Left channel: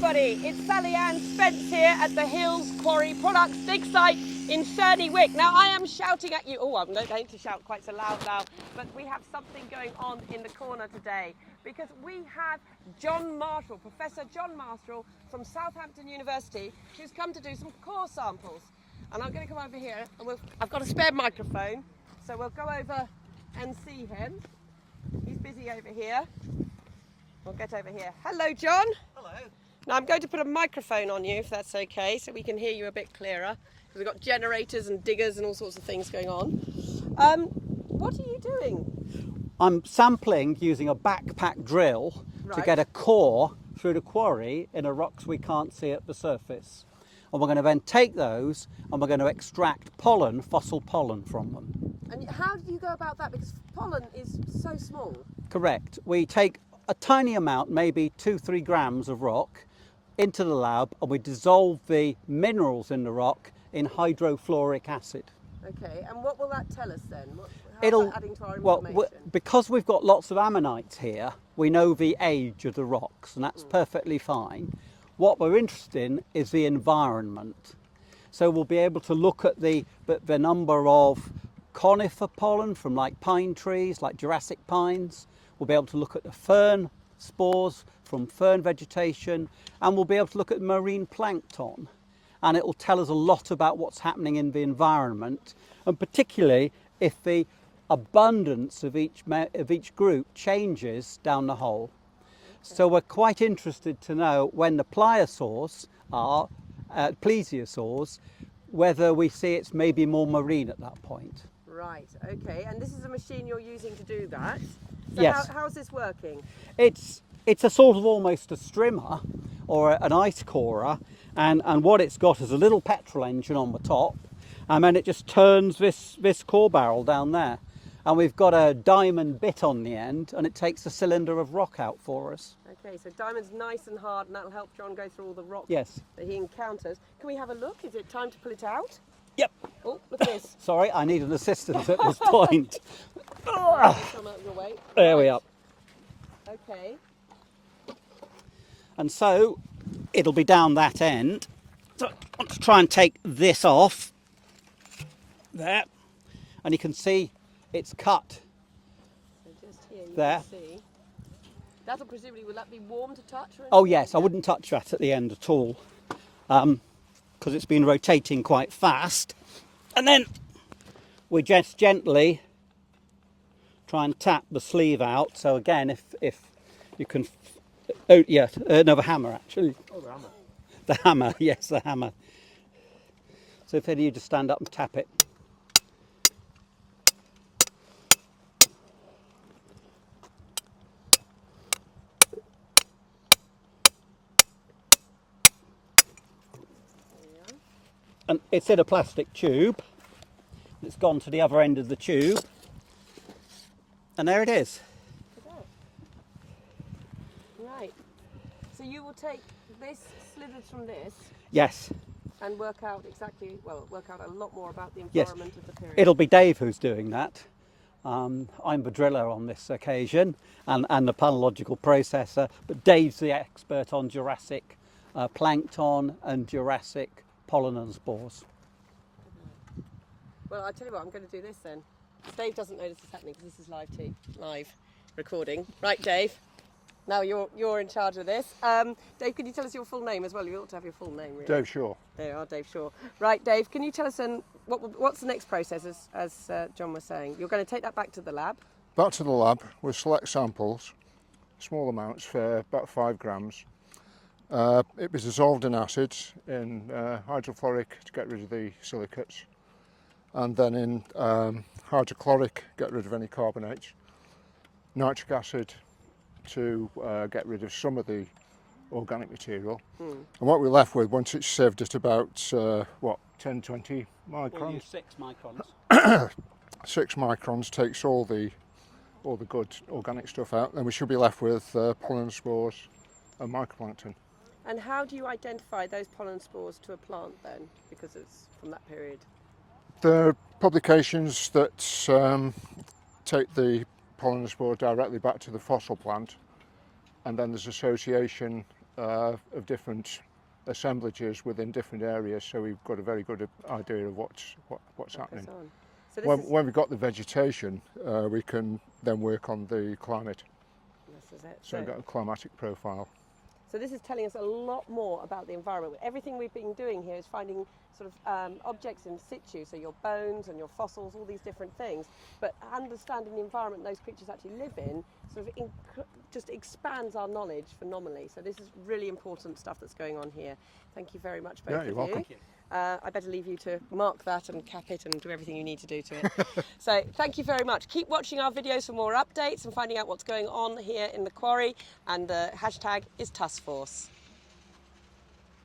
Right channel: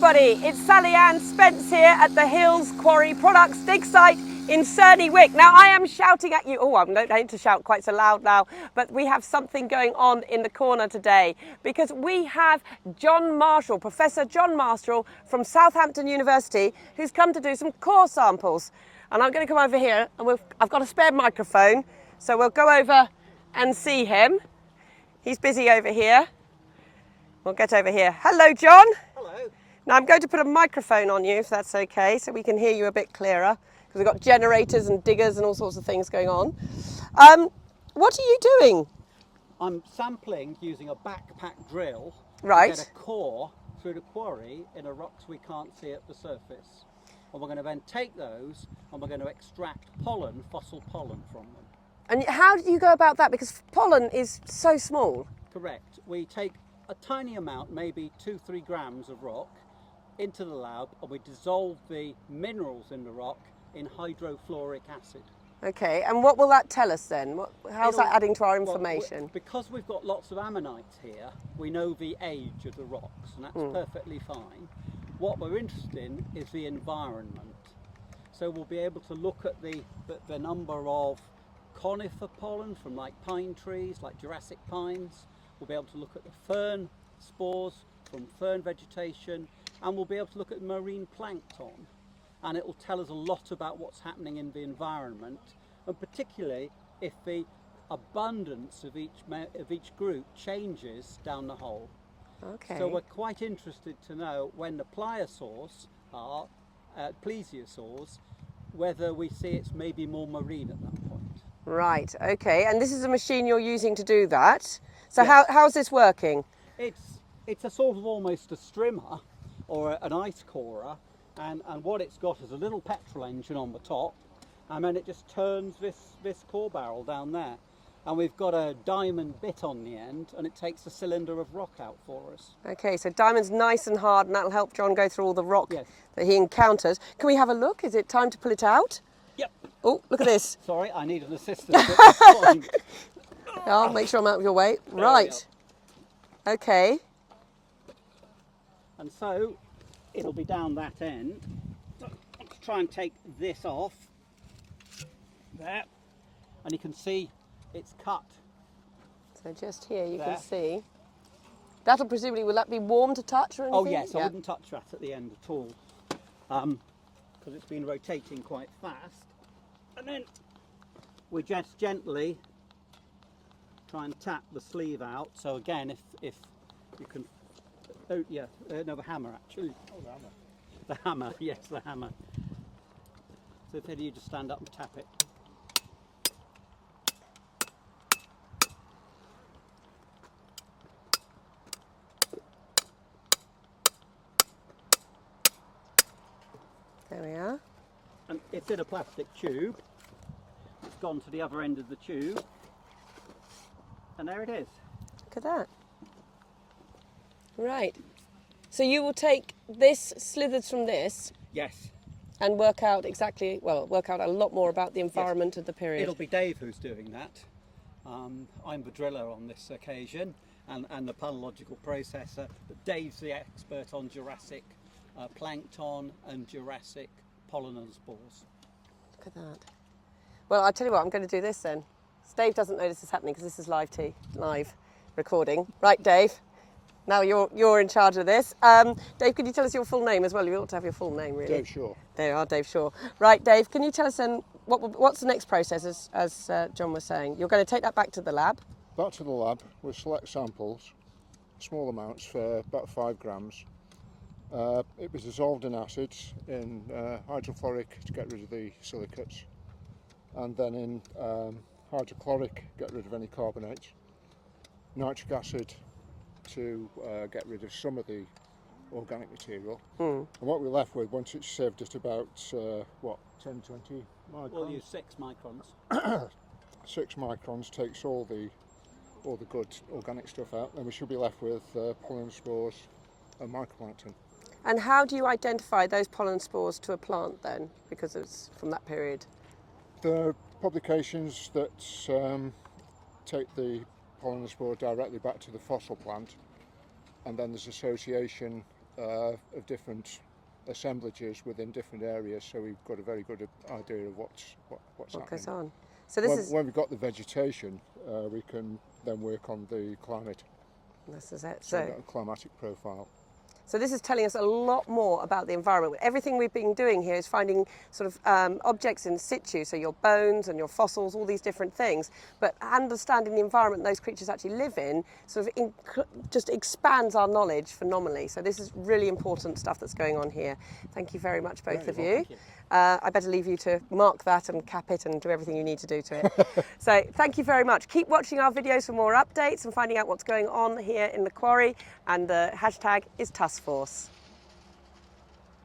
everybody, it's Sally Ann Spence here at the Hills Quarry Products dig site in Cerney Wick. Now I am shouting at you, I'm not going to shout quite so loud now, but we have something going on in the corner today because we have John Marshall, Professor John Marshall from Southampton University, who's come to do some core samples. And I'm going to come over here and I've got a spare microphone, so we'll go over and see him. He's busy over here. We'll get over here. Hello, John. Hello. Now I'm going to put a microphone on you, if that's okay, so we can hear you a bit clearer, because we've got generators and diggers and all sorts of things going on. What are you doing? I'm sampling using a backpack drill to get a core through the quarry in the rocks we can't see at the surface. And we're going to then take those and we're going to extract pollen, fossil pollen from them. And how do you go about that? Because pollen is so small. Correct. We take a tiny amount, maybe 2-3 grams of rock, into the lab, and we dissolve the minerals in the rock in hydrofluoric acid. Okay, and what will that tell us then? How's that adding to our information? Well, because we've got lots of ammonites here, we know the age of the rocks, and that's perfectly fine. What we're interested in is the environment. So we'll be able to look at the number of conifer pollen from like pine trees, like Jurassic pines. We'll be able to look at the fern spores from fern vegetation, and we'll be able to look at marine plankton. And it will tell us a lot about what's happening in the environment, and particularly if the abundance of each group changes down the hole. Okay. So we're quite interested to know when the pliosaurs are, plesiosaurs, whether we see it's maybe more marine at that point. Right, okay, and this is a machine you're using to do that. So Yes. how's this working? It's a sort of almost a strimmer or an ice corer, and what it's got is a little petrol engine on the top, and then it just turns this core barrel down there. And we've got a diamond bit on the end, and it takes a cylinder of rock out for us. Okay, so diamond's nice and hard, and that'll help John go through all the rock Yes. that he encounters. Can we have a look? Is it time to pull it out? Yep. Oh, look at this. Sorry, I need an assistant at this point. Oh, make sure I'm out of your way. There we Right. are. Okay. And so it'll be down that end. So I want to try and take this off. There. And you can see it's cut. So just here you There. can see. That'll presumably, will that be warm to touch or anything? Oh yes, I Yeah. wouldn't touch that at the end at all, because it's been rotating quite fast. And then we just gently try and tap the sleeve out. So again, if you can, oh yeah, no, the hammer actually. Oh, the hammer. The hammer, yes, the hammer. So if any of you just stand up and tap it. There we are. And it's in a plastic tube. It's gone to the other end of the tube. And there it is. Look at that. Right. So you will take this, slithers from this, Yes. and work out a lot more about the environment of the period. It'll be Dave who's doing that. I'm the driller on this occasion and the palynological processor, but Dave's the expert on Jurassic plankton and Jurassic pollen and spores. Look at that. Well, I'll tell you what, I'm going to do this then. Dave doesn't know this is happening because this is live recording. Right, Dave. Now you're in charge of this. Dave, could you tell us your full name as well? You ought to have your full name, really. Dave Shaw. There you are, Dave Shaw. Right, Dave, can you tell us then what's the next process, as John was saying? You're going to take that back to the lab. Back to the lab, we'll select samples, small amounts for about 5 grams. It was dissolved in acids, in hydrofluoric to get rid of the silicates, and then in hydrochloric, get rid of any carbonates, nitric acid to get rid of some of the organic material. And what we're left with, once it's sieved at about 10-20 microns, 6 microns. 6 microns takes all the good organic stuff out, then we should be left with pollen spores and mycoplankton. And how do you identify those pollen spores to a plant then, because it's from that period? There are publications that take the pollen spore directly back to the fossil plant, and then there's association of different assemblages within different areas, so we've got a very good idea of what's What happening. goes on? So this is When we've got the vegetation, we can then work on the climate. this is it. So we've got a climatic profile. So this is telling us a lot more about the environment. Everything we've been doing here is finding sort of objects in situ, so your bones and your fossils, all these different things. But understanding the environment those creatures actually live in sort of just expands our knowledge phenomenally. So this is really important stuff that's going on here. Thank you very much, both Yeah, of you're you. welcome. I better leave you to mark that and cap it and do everything you need to do to it. So thank you very much. Keep watching our videos for more updates and finding out what's going on here in the quarry. And the hashtag is TussForce.